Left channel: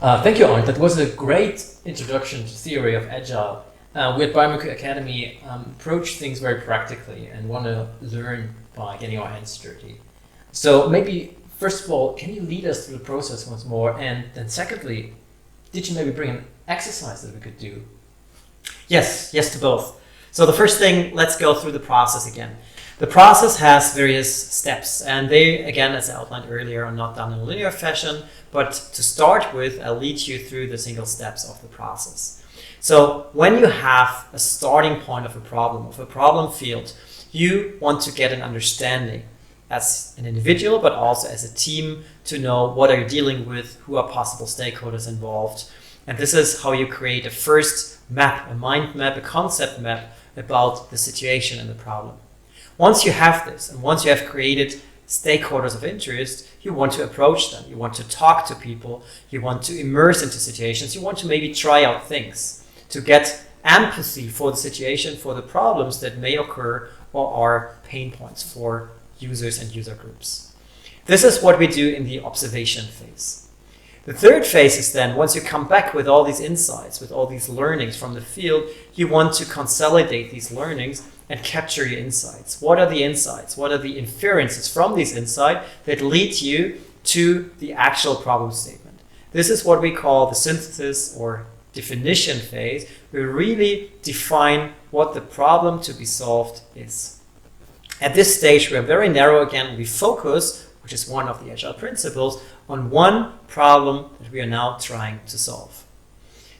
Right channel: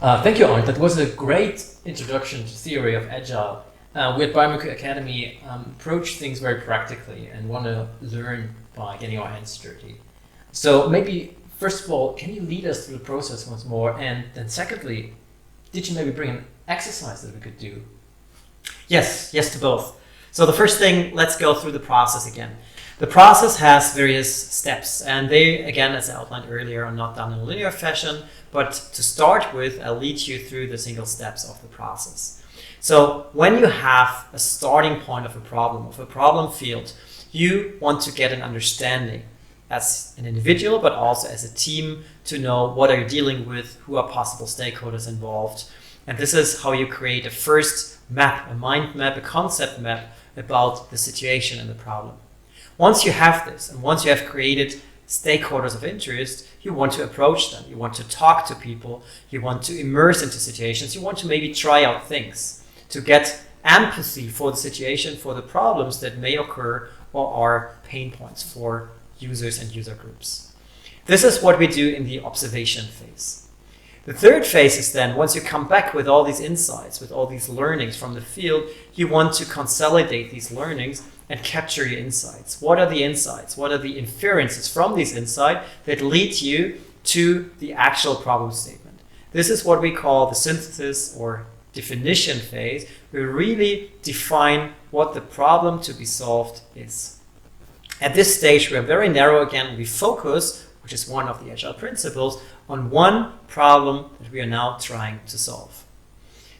Thank you, Arndt. That was a great introduction to theory of Agile. We at Biomimicry Academy approach things very practically and want to learn by getting our hands dirty. So maybe, first of all, can you lead us through the process once more? And then secondly, did you maybe bring an exercise that we could do? Yes to both. So the first thing, let's go through the process again. The process has various steps, and they, again, as I outlined earlier, are not done in a linear fashion, but to start with, I'll lead you through the single steps of the process. So when you have a starting point of a problem field, you want to get an understanding as an individual, but also as a team, to know what are you dealing with, who are possible stakeholders involved. And this is how you create a first map, a mind map, a concept map about the situation and the problem. Once you have this, and once you have created stakeholders of interest, you want to approach them, you want to talk to people, you want to immerse into situations, you want to maybe try out things to get empathy for the situation, for the problems that may occur or are pain points for users and user groups. This is what we do in the observation phase. The third phase is then, once you come back with all these insights, with all these learnings from the field, you want to consolidate these learnings and capture your insights. What are the insights? What are the inferences from these insights that lead you to the actual problem statement? This is what we call the synthesis or definition phase. We really define what the problem to be solved is. At this stage, we are very narrow again. We focus, which is one of the Agile principles, on one problem that we are now trying to solve.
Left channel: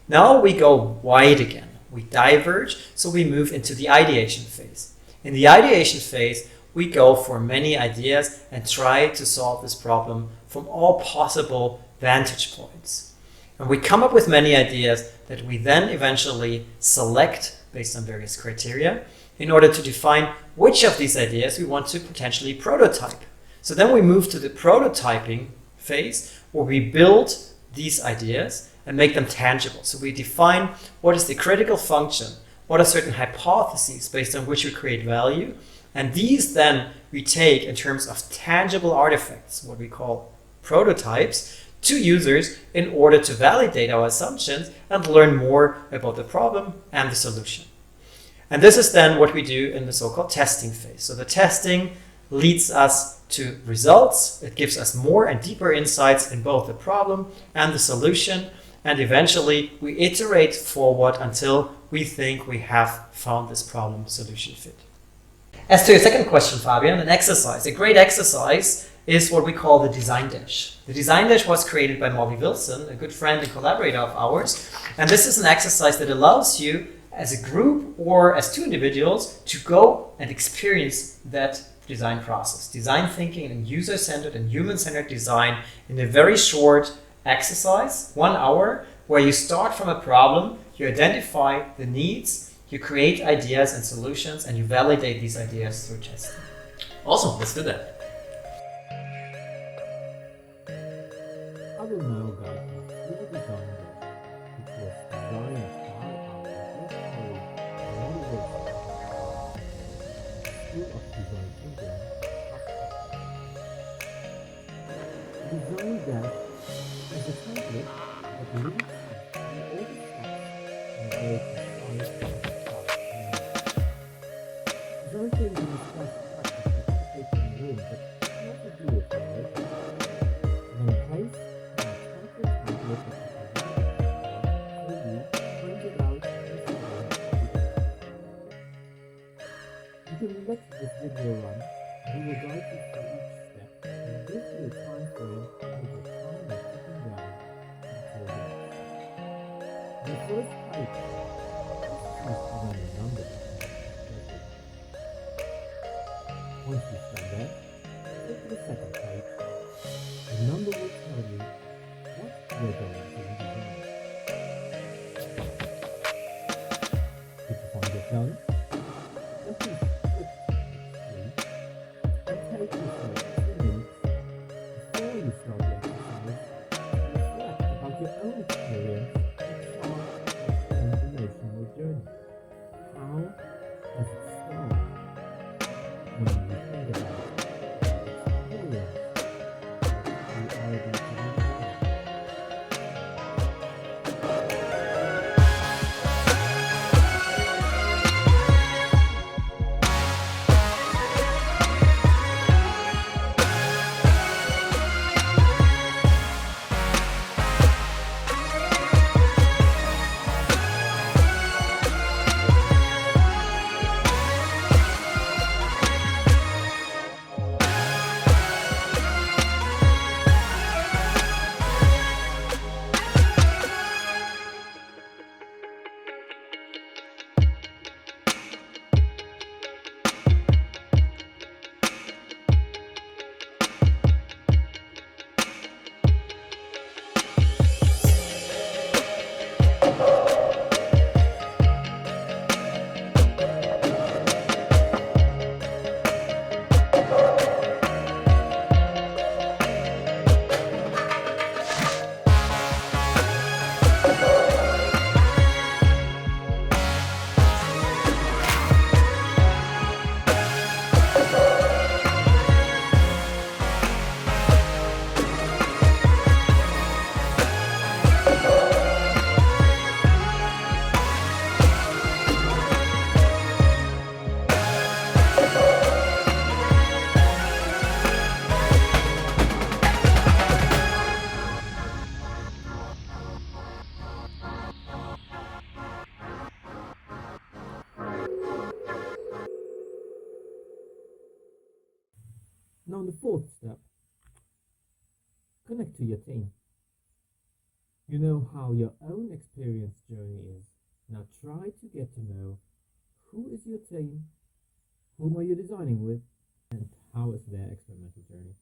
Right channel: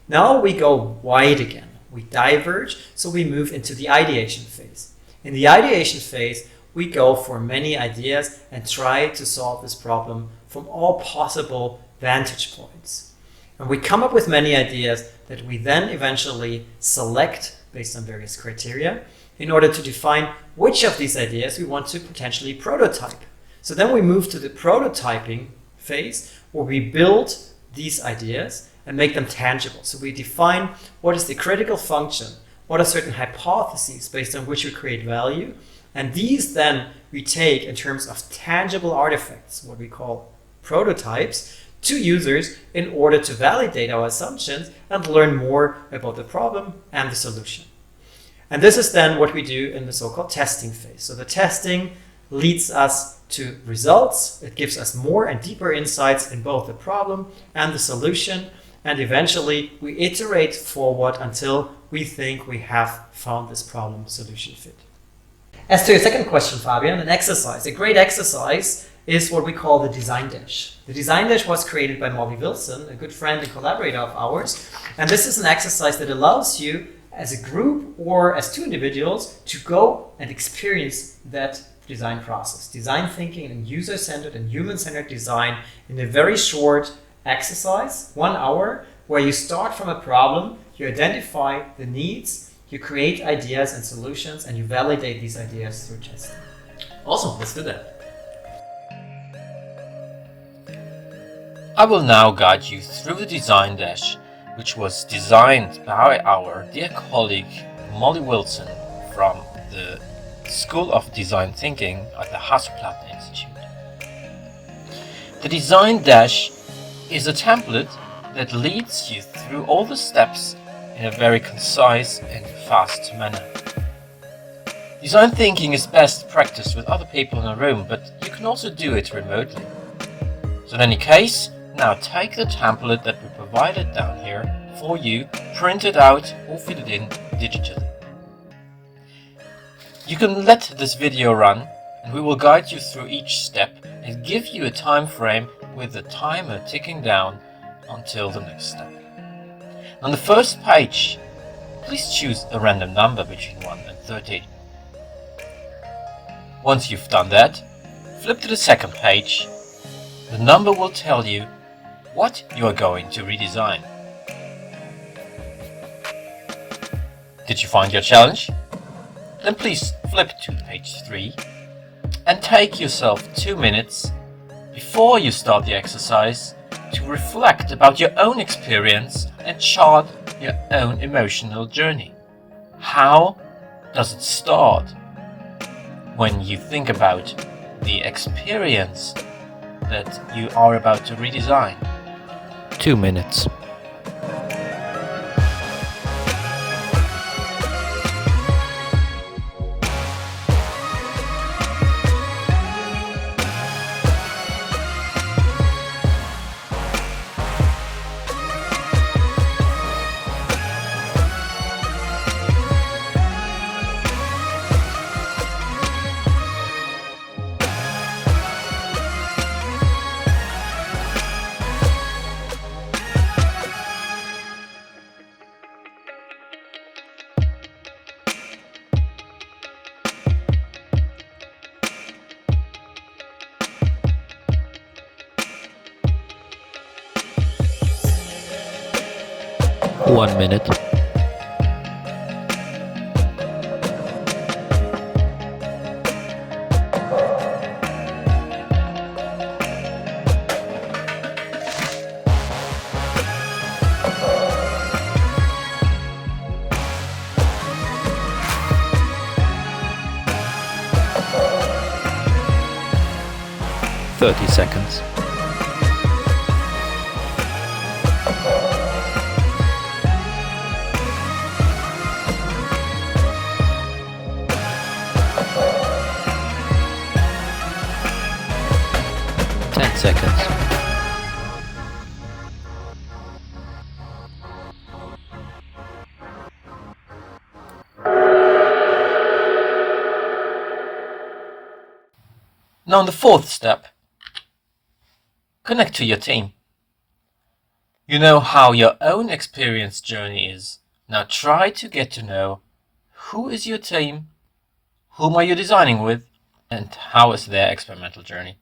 Now we go wide again. We diverge, so we move into the ideation phase. In the ideation phase, we go for many ideas and try to solve this problem from all possible vantage points. And we come up with many ideas that we then eventually select based on various criteria in order to define which of these ideas we want to potentially prototype. So then we move to the prototyping phase, where we build these ideas and make them tangible. So we define what is the critical function, what are certain hypotheses based on which we create value, and these then we take in terms of tangible artifacts, what we call prototypes, to users in order to validate our assumptions and learn more about the problem and the solution. And this is then what we do in the so-called testing phase. So the testing leads us to results. It gives us more and deeper insights in both the problem and the solution. And eventually we iterate forward until we think we have found this problem solution fit. As to your second question, Fabian, an exercise, a great exercise is what we call the design dash. The design dash was created by Molly Wilson, a good friend and collaborator of ours. And this is an exercise that allows you as a group or as two individuals to go and experience that design process. Design thinking and user-centered and human-centered design in a very short exercise, 1 hour, where you start from a problem, you identify the needs, you create ideas and solutions, and you validate these ideas through testing. Awesome, let's do that. I will now guide you through the design dash, which was designed by our dear colleague Molly Wilson from the School of Design Thinking at the Hasso Plattner Institute. The design dash is a template that leads you through all the steps in a very concise and fast manner. Design thinking is best practiced with other people in a room, but you can also do it remotely. So in any case, now take the template that we provided down here for you, print it out or fill it in digitally. You can let this video run and we will guide you through each step and give you a time frame with the timer ticking down until the next step. On the first page, please choose a random number between 1 and 30. Once you've done that, flip to the second page. The number will tell you what you are going to redesign. Did you find your challenge? Then please flip to page 3 and take yourself 2 minutes before you start the exercise to reflect about your own experience and chart your own emotional journey. How does it start when you think about the experience that you are about to redesign? 2 minutes. One minute. Seconds. Now in the fourth step, connect to your team. You know how your own experience journey is. Now try to get to know who is your team, whom are you designing with, and how is their experimental journey.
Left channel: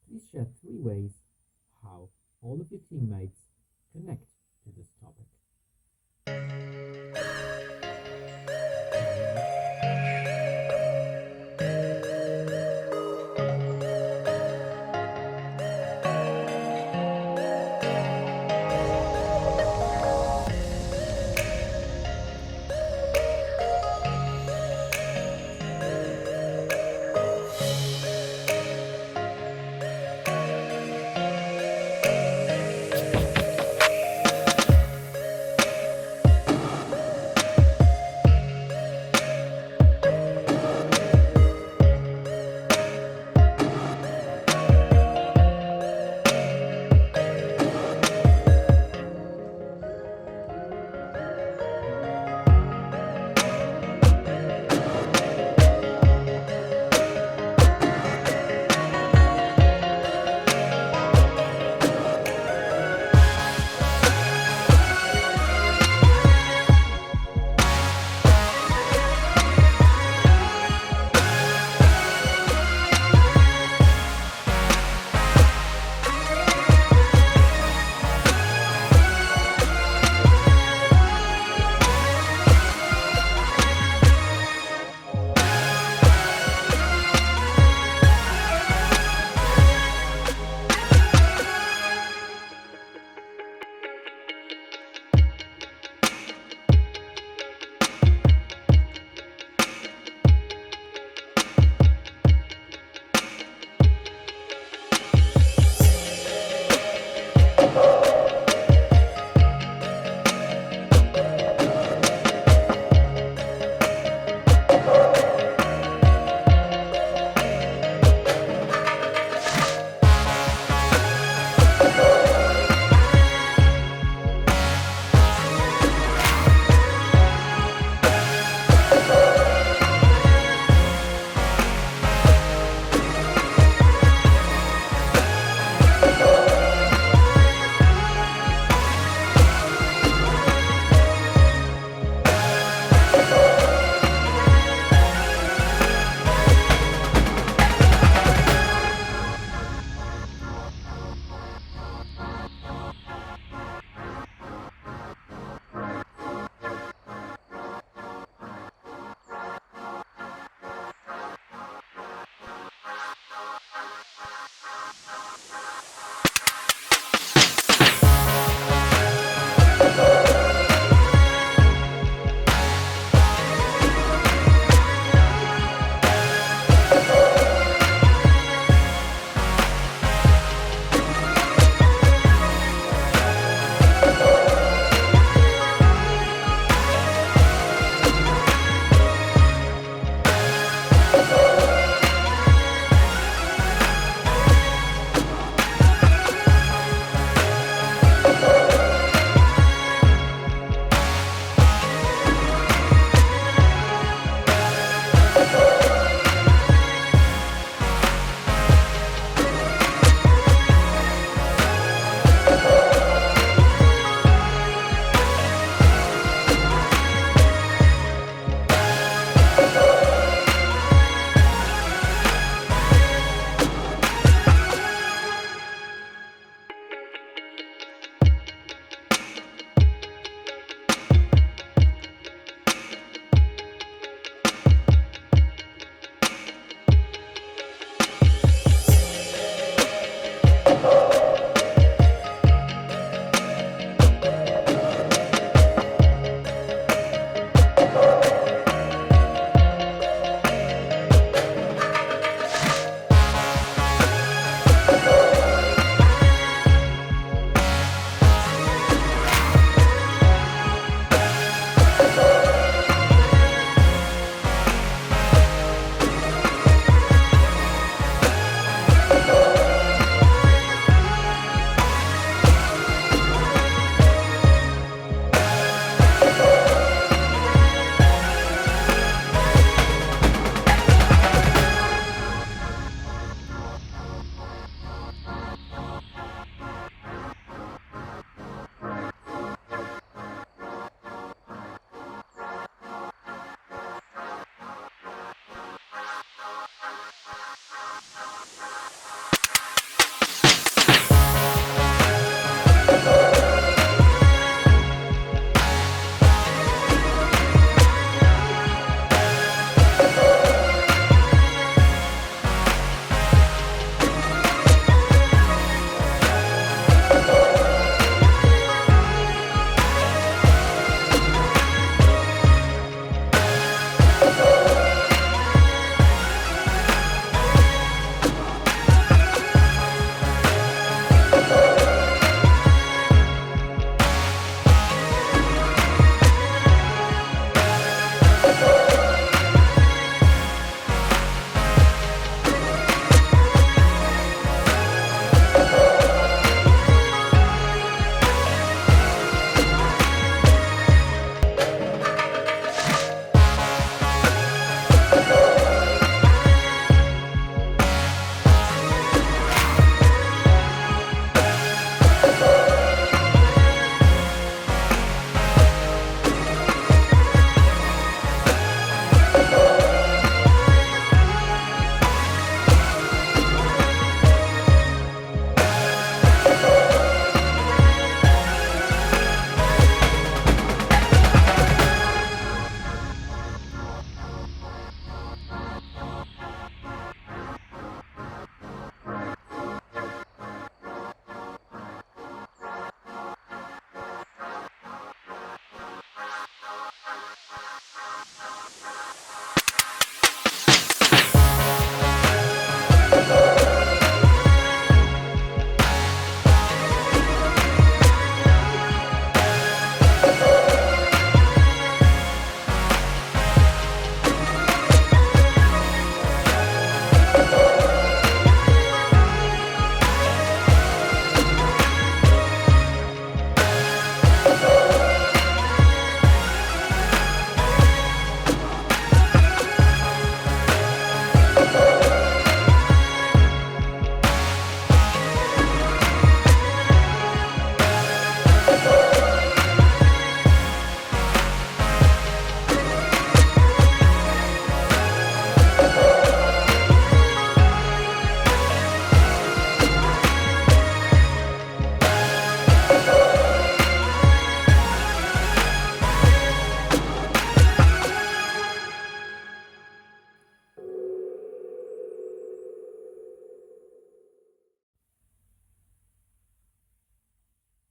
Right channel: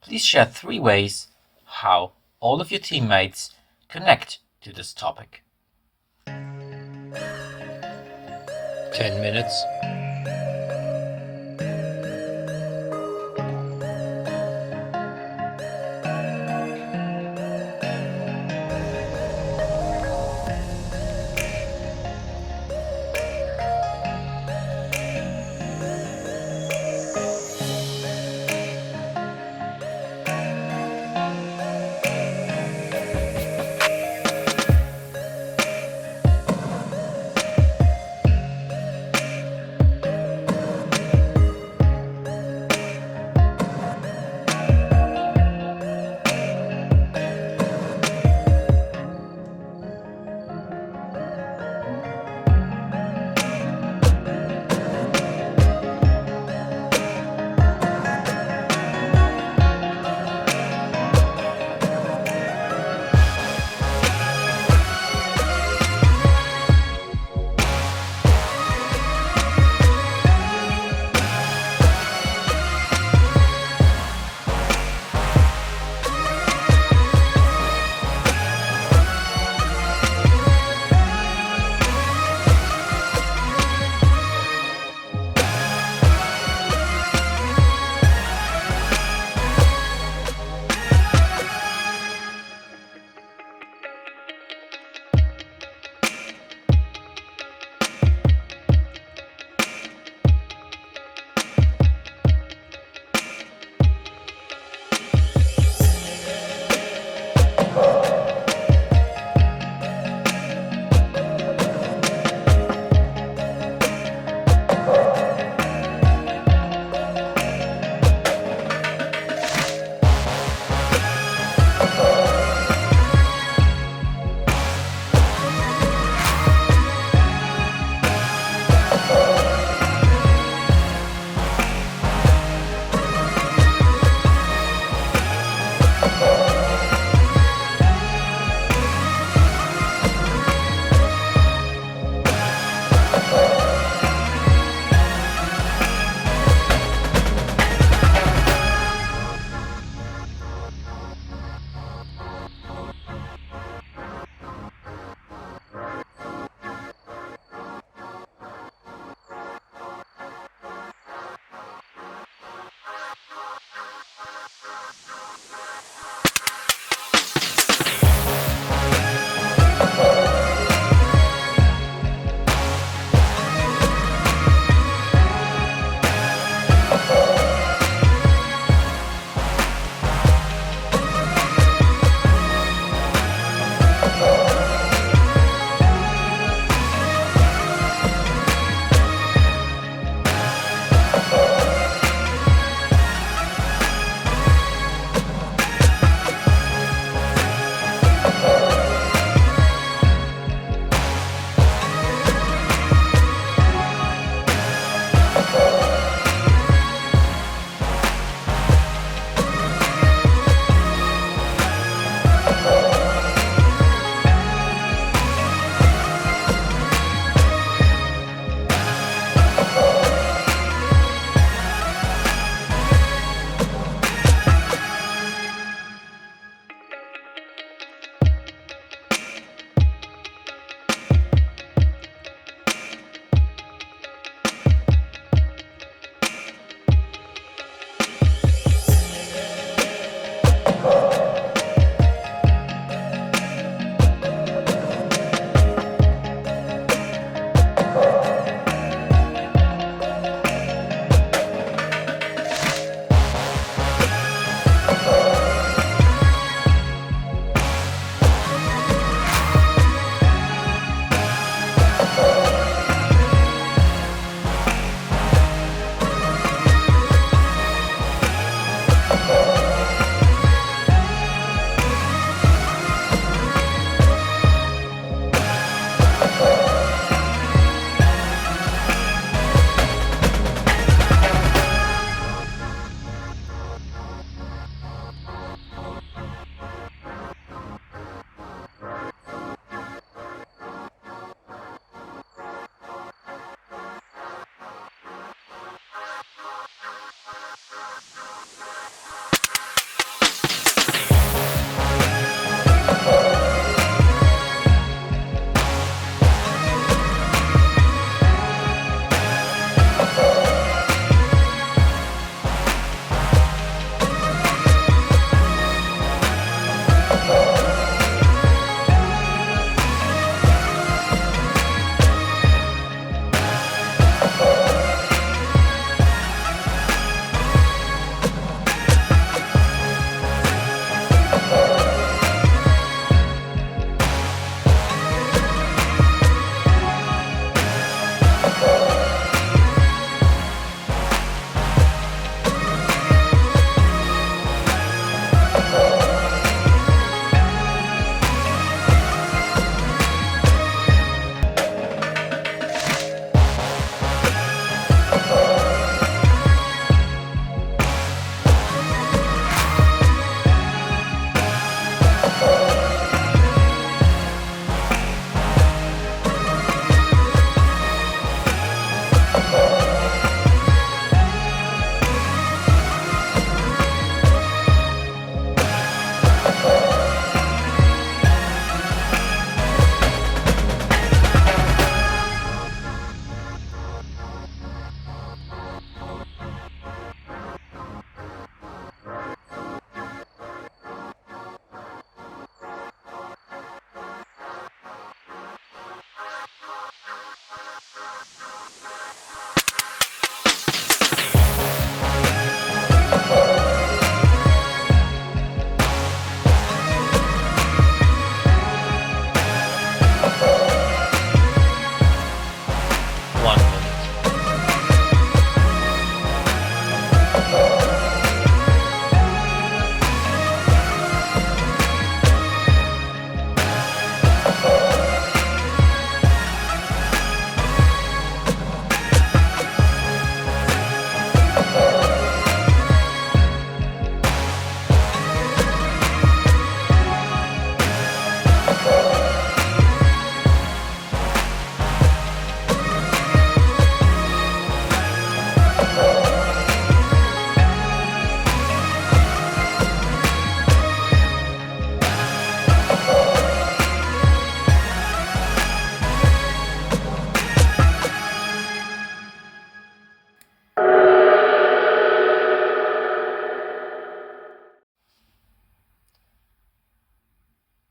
Please share 3 ways how all of your teammates connect to this topic. 10 minutes.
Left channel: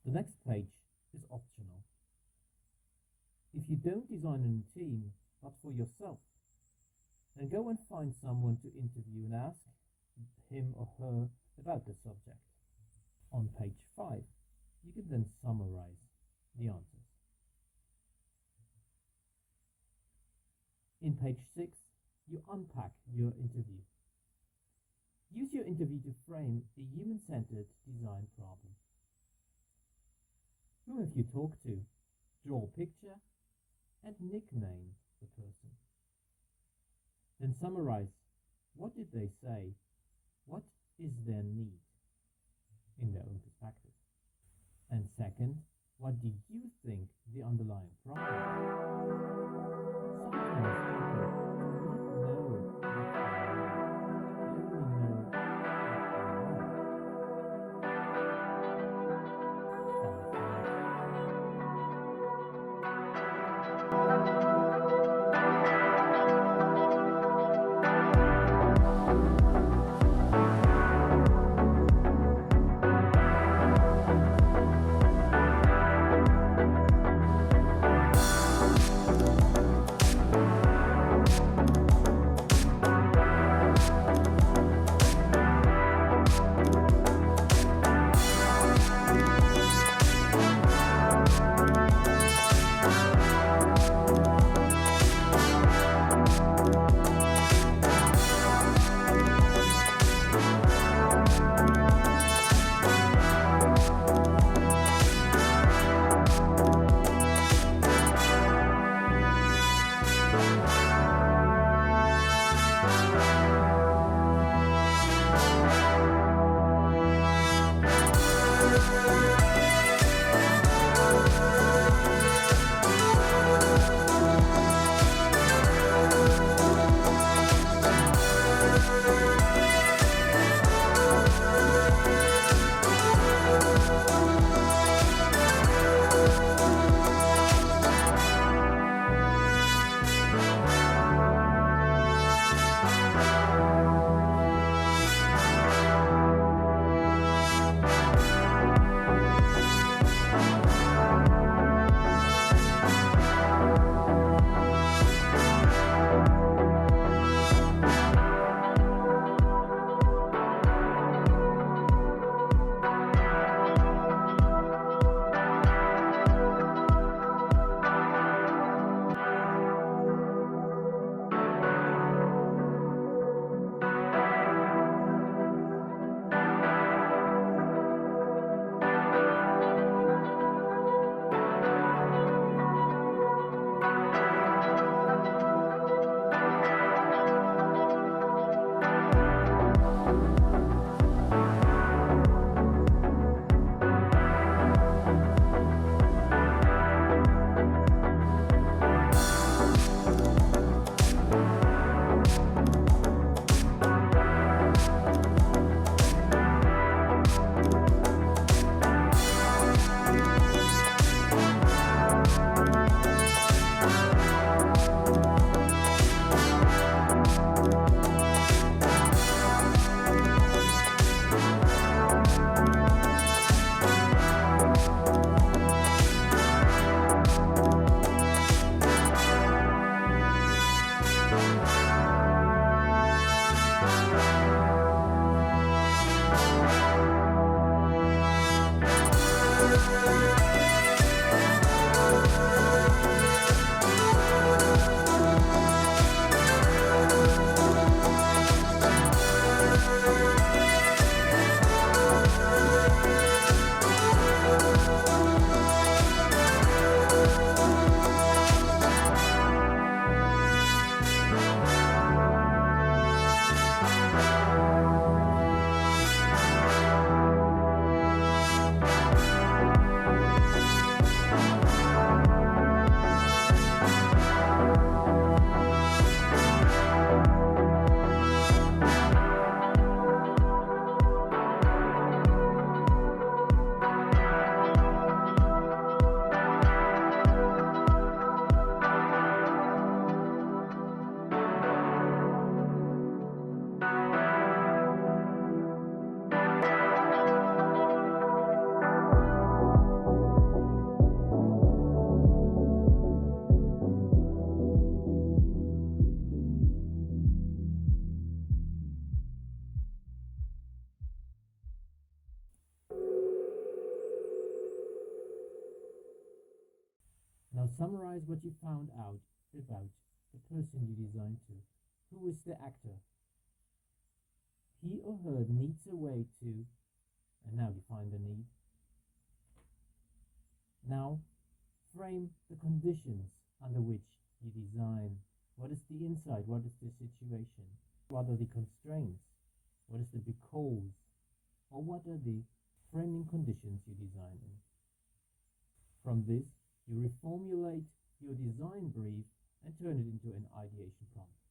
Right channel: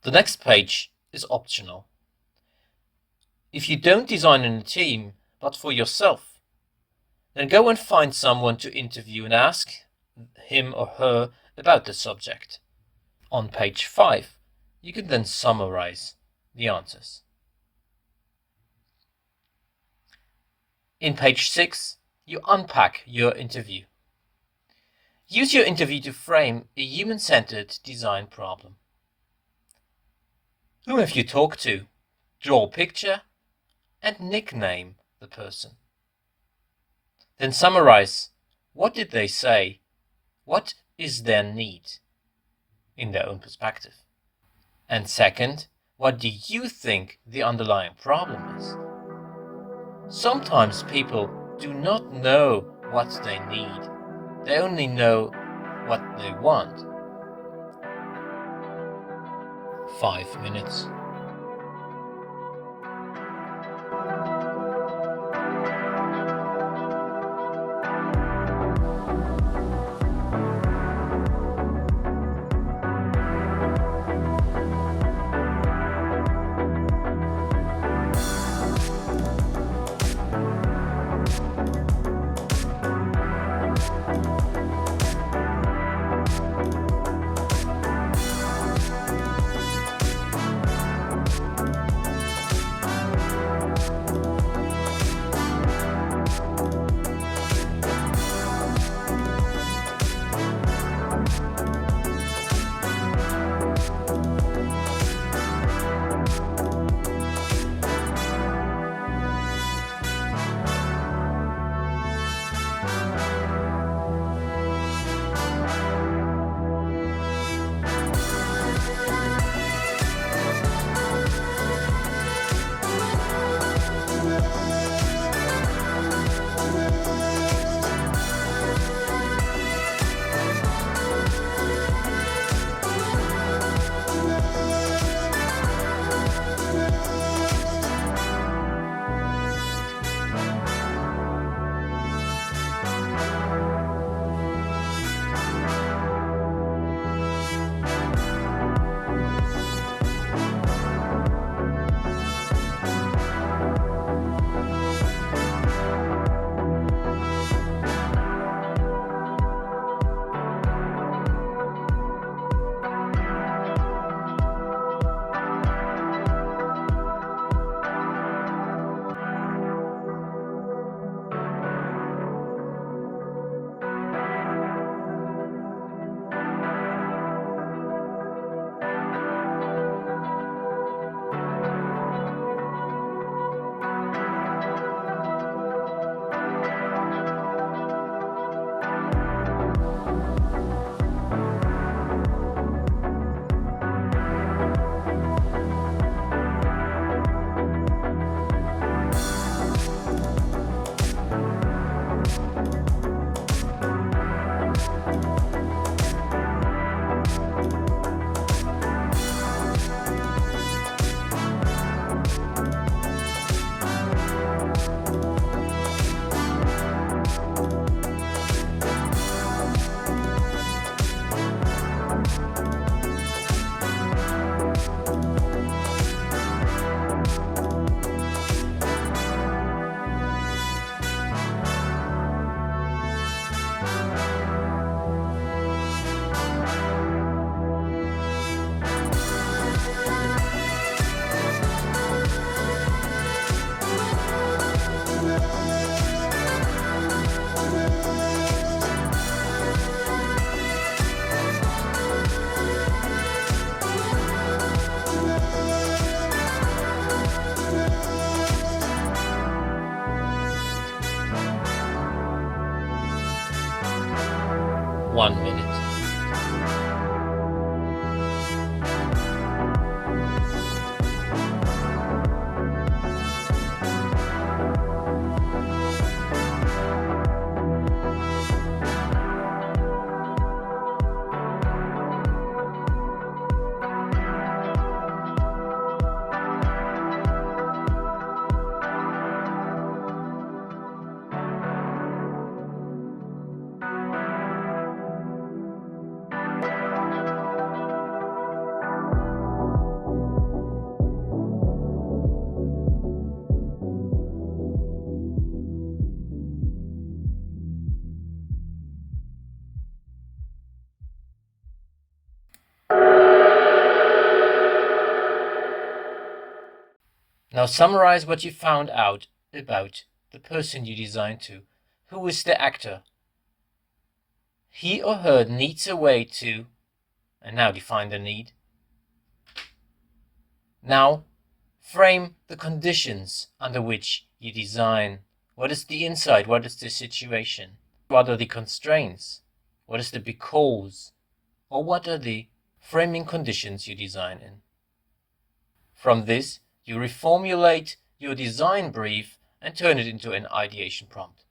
The next page is optional. If you don't design in a team, but for yourself, then go and find someone to interview and ask him or her about the subject. On page 5, you can then summarize the answers. In page 6, you unpack your interview. Use your interview to frame a human-centered design problem. Who have you talked to? Draw a picture and nickname the person. Then summarize. What did they say? What is their need in their own perspective? And second, what do you think the underlying problem is? Sometimes people do not know what they need. They only know what they want. 5 minutes. Now summarize what you found out about the person you designed to. Who is the actor? He or her needs a way to, and now define the need. Now frame the conditions under which you design. What is the inside? What is the situation? What are the constraints? What is the because? Or what are the framing conditions you design in? From this, you reformulate your design brief and turn it into an ideation prompt.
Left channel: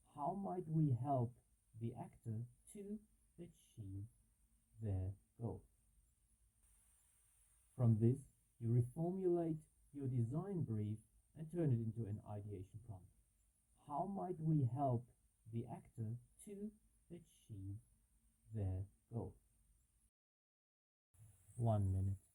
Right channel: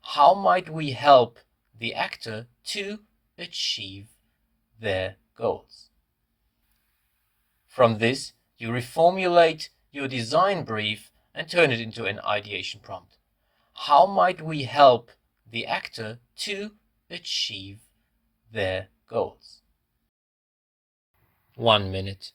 How might we help the actor to achieve their goals? From this, you reformulate your design brief and turn it into an ideation prompt. How might we help the actor to achieve their goals? 1 minute.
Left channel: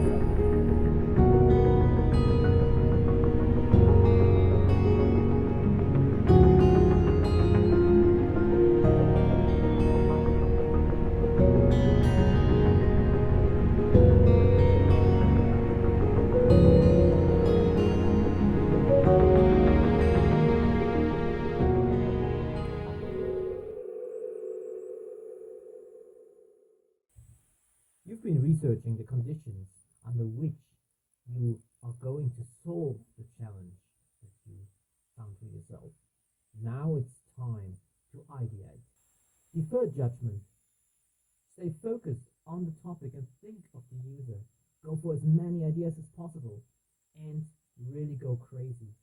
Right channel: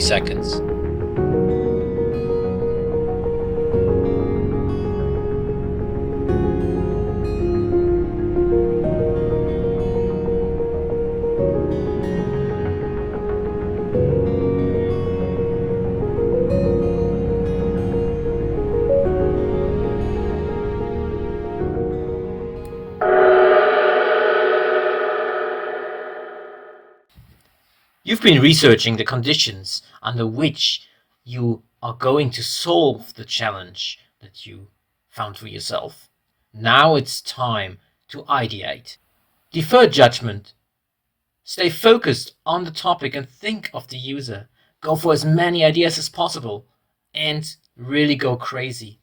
Seconds. You've been researching the conditions under which you are going to solve the challenge that you found for yourself. Now it's time to ideate. Defer judgment. Stay focused on the topic and think of the user. Go for as many ideas as possible and really go crazy.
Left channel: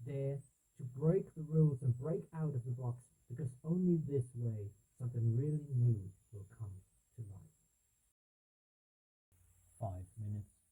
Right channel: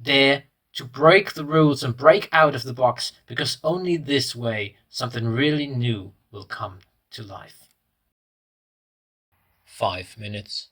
Dare to break the rules and break out of the box, because only this way something really new will come to life. 5 minutes.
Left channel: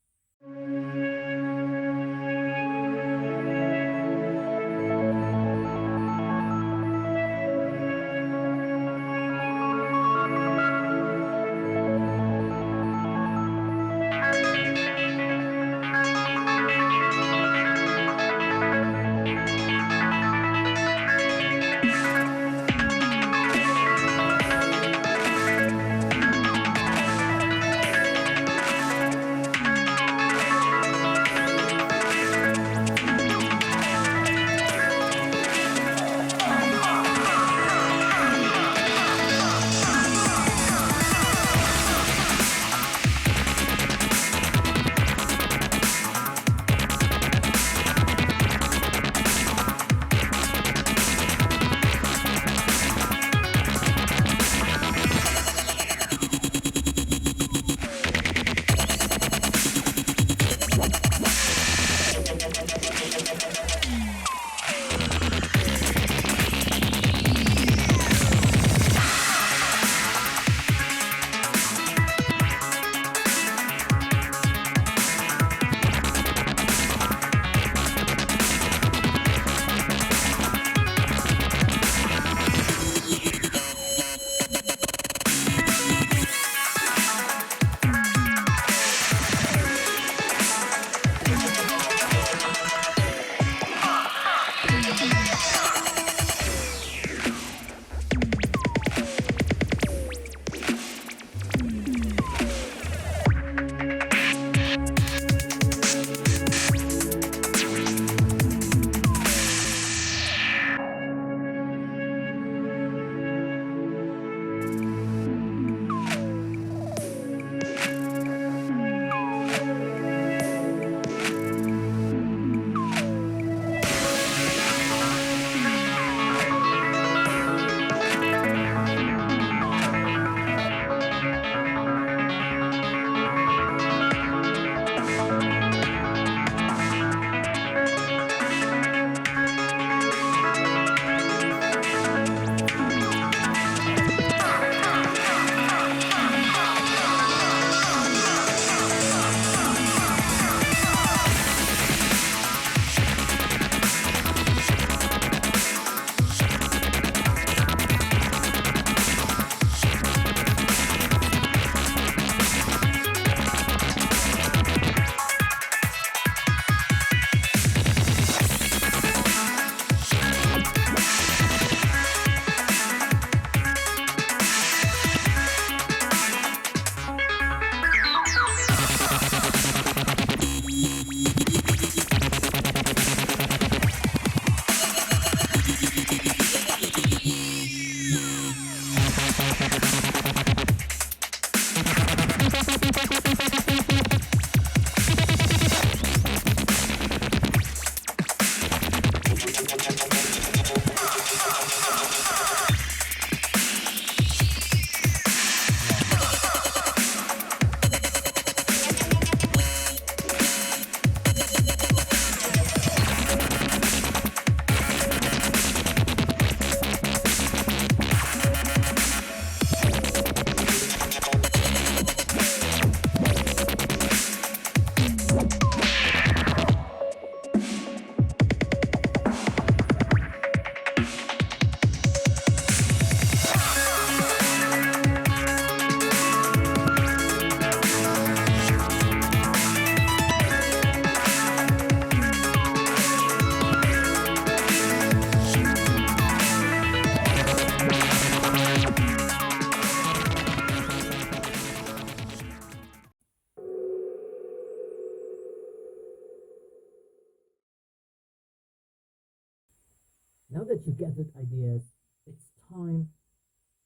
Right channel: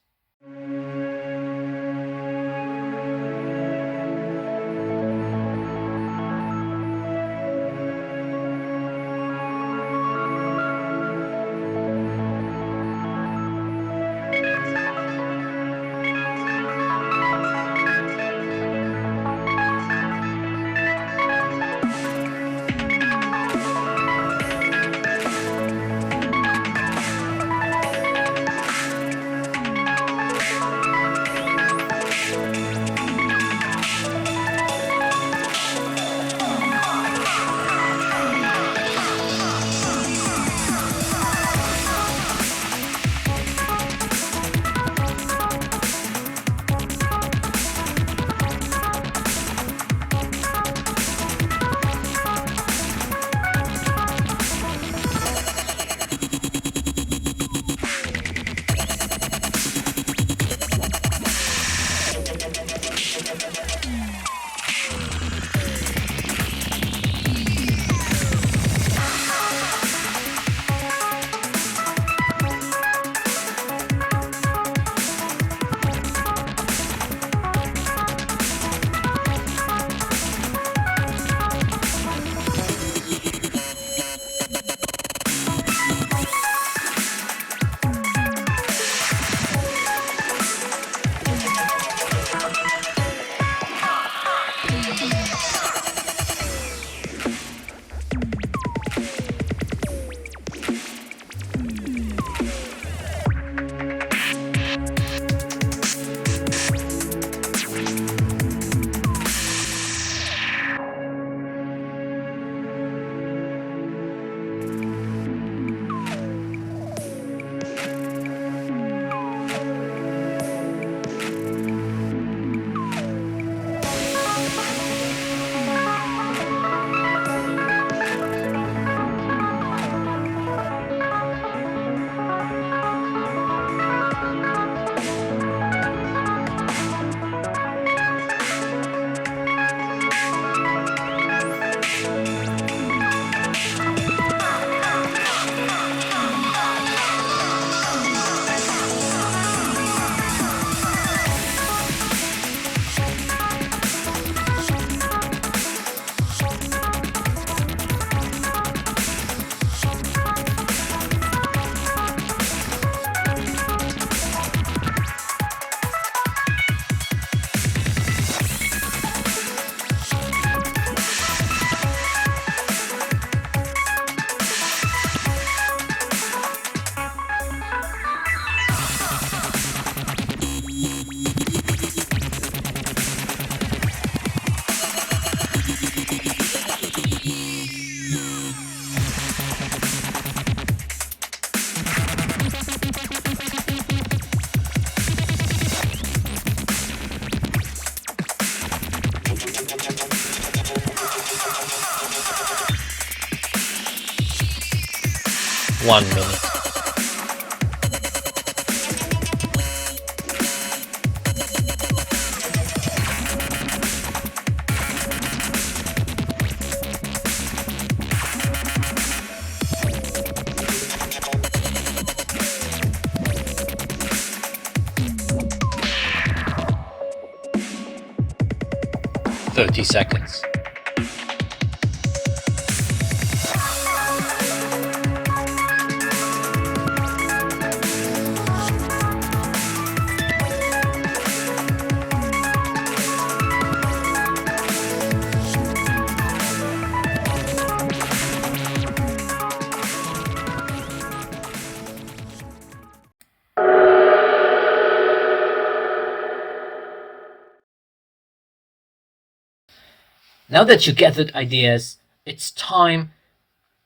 Now that you gathered ideas, it's time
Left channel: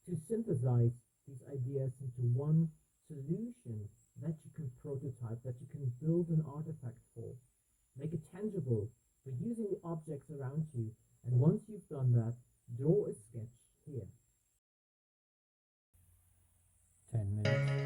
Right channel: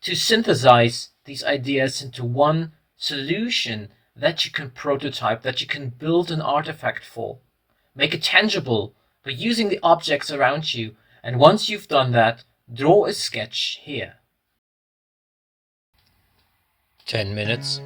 to synthesize these ideas into one solution that you can prototype, that you can build an artifact for. Make it tangible by using the objects around you, and once you've done that, draw a sketch here. 10 minutes.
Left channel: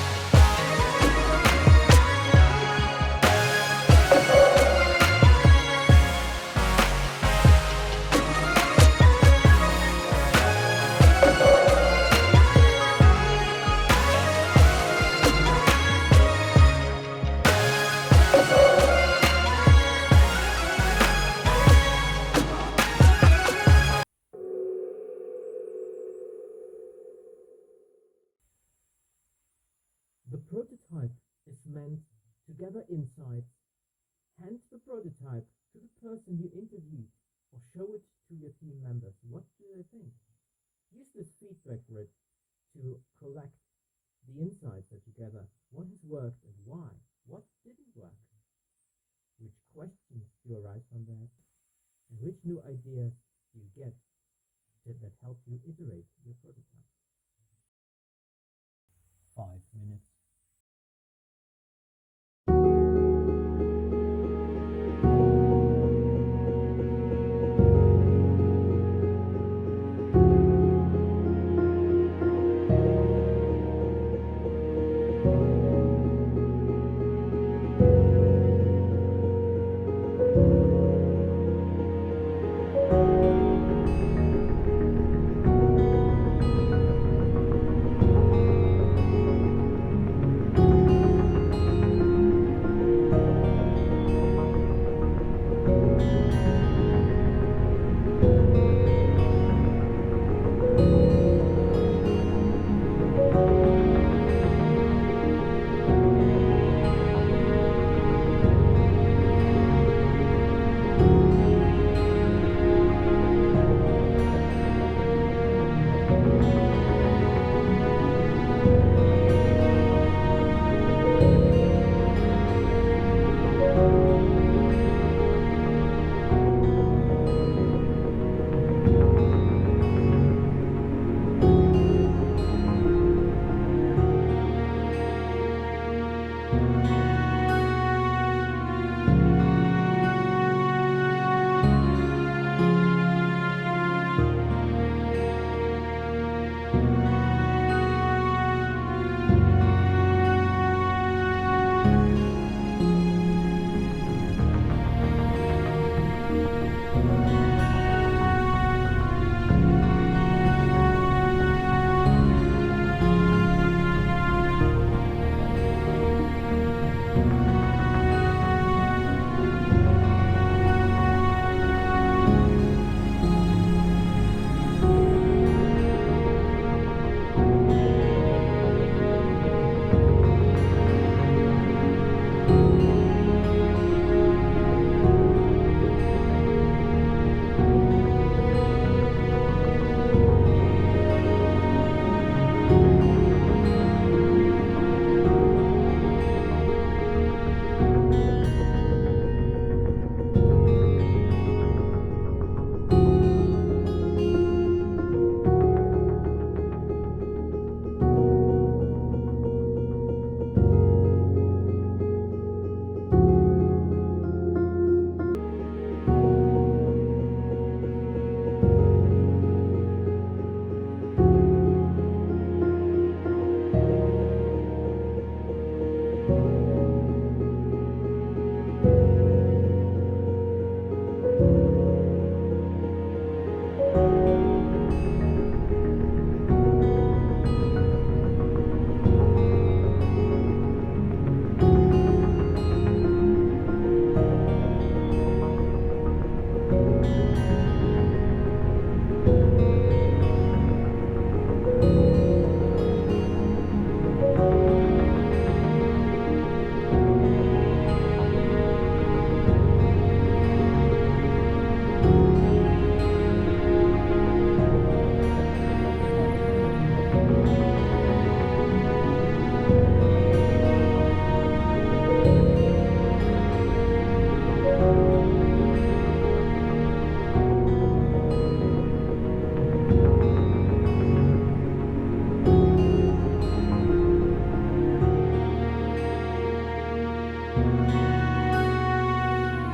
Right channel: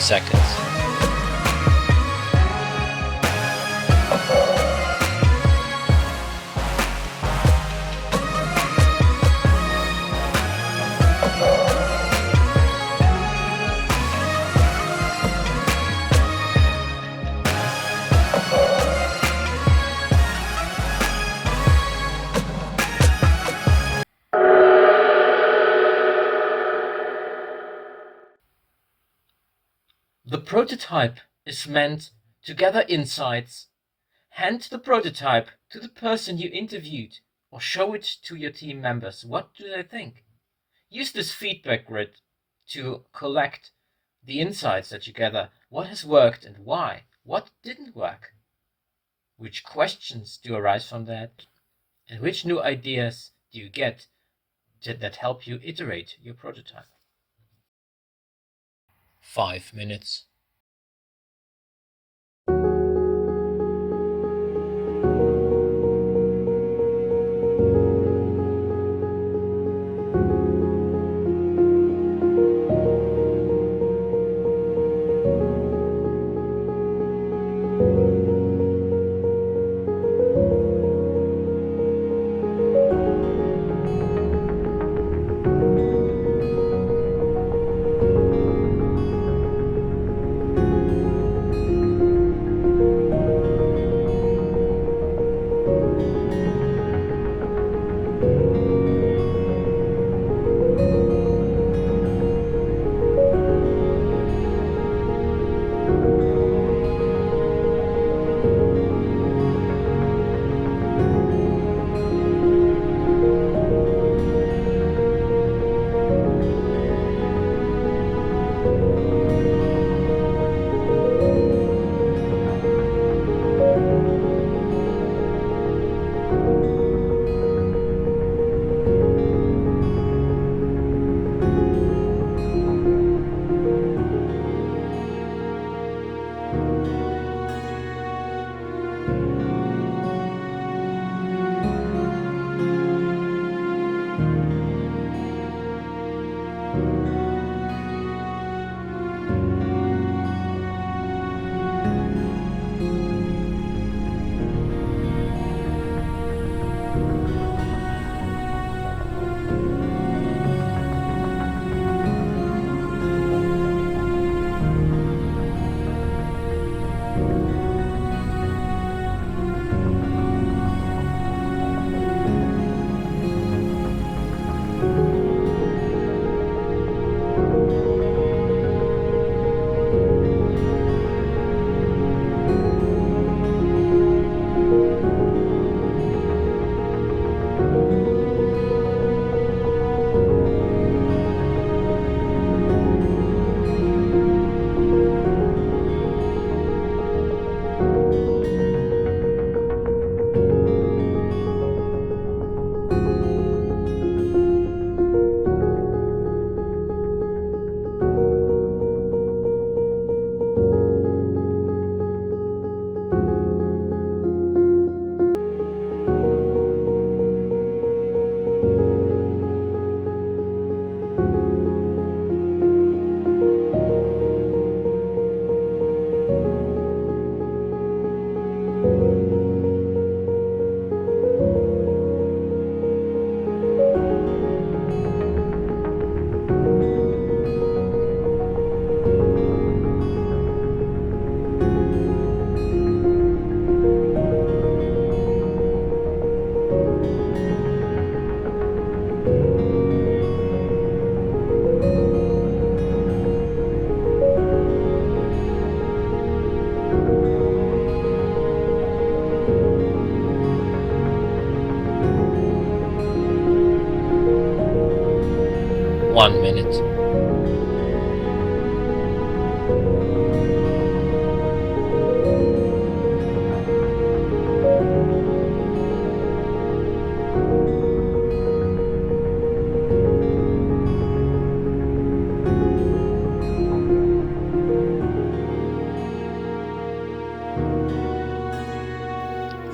30 seconds. The prototype is meant to gather insights. Hand the prototype to the person you interviewed or show it to your team members. What do they think? Use this feedback grid to collect the insights that you gather. What has worked and why? What didn't work? Which questions do arise from that? And which new ideas do you get that help you iterate your prototype? 5 minutes.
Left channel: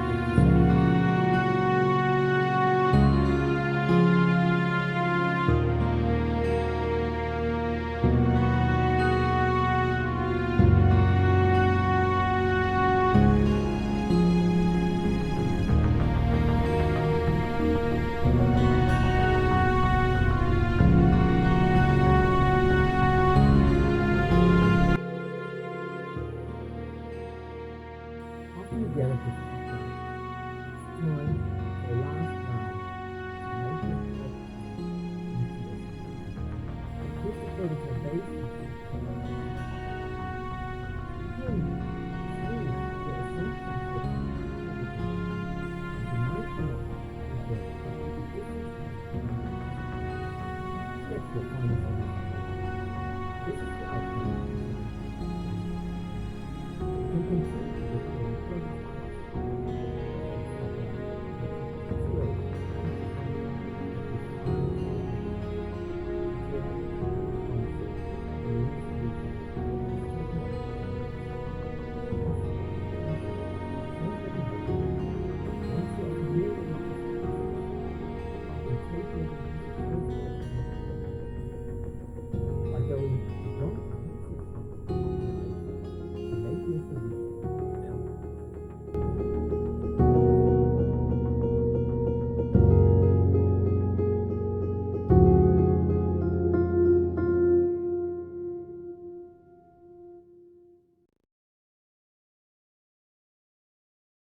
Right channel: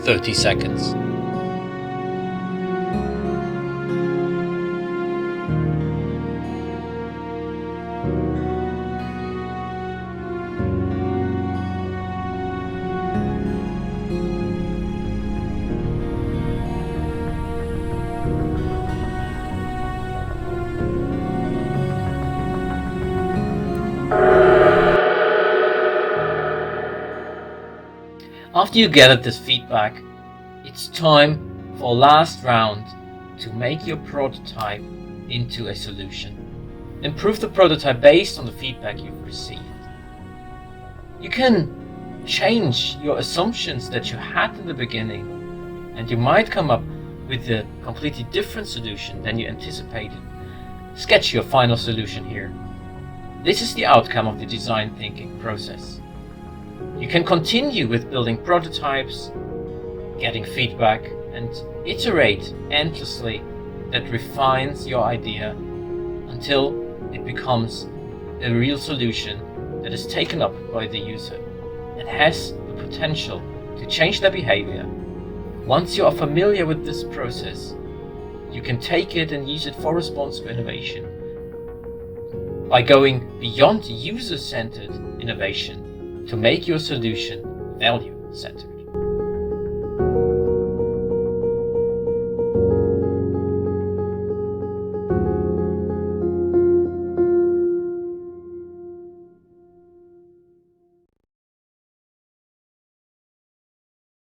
Thirty seconds. After you gathered this feedback, it's time for a last round to make your prototype into a solution. Improve the prototype based on the feedback you've received. You can change your assumptions that you had in the beginning, and you might come up with a completely different solution than you anticipated. Sketch your final solution here. This is the outcome of the design thinking process. You can continue with building prototypes, getting feedback, and iterate endlessly that refines your idea until it becomes a real solution that is taken up by the user and has the potential to change their behavior. Once you are familiar with this process, you can take it and use it for responsive innovation. By going beyond user-centered innovation to make your solution value-centered.